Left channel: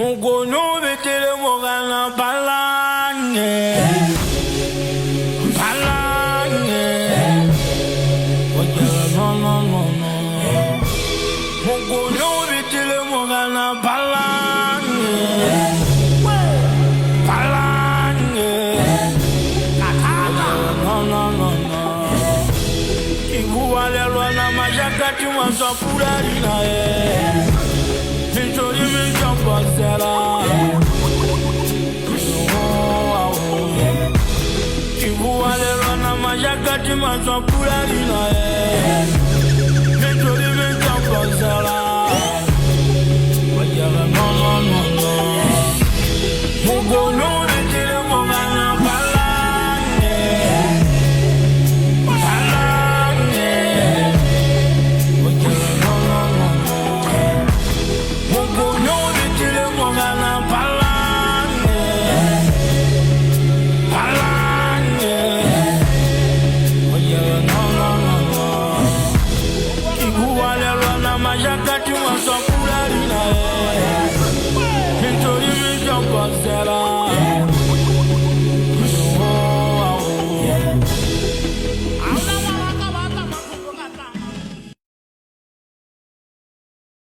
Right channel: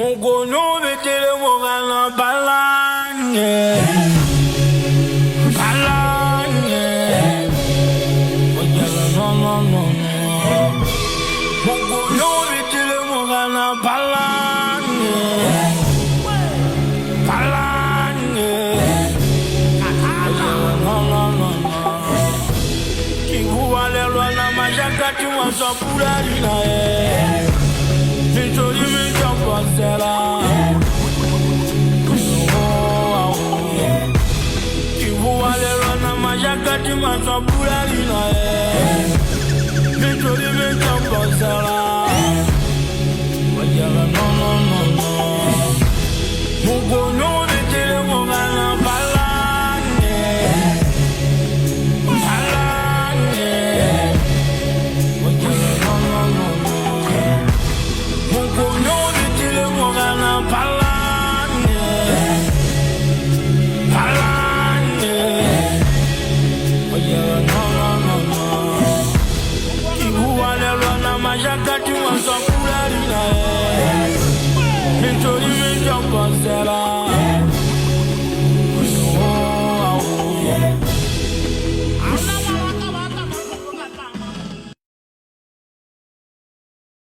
Mugono vetele mogana balange Ojala no Mugono vetele mogana balange Ojala no Kivuale lwana majakati wasapurari na Nitori mi chapasera Kivuale lwana majakati wasapurari na Nitori mi chapasera Ojala no Mugono vetele mogana Majakati wasapurari na Nitori mi chapasera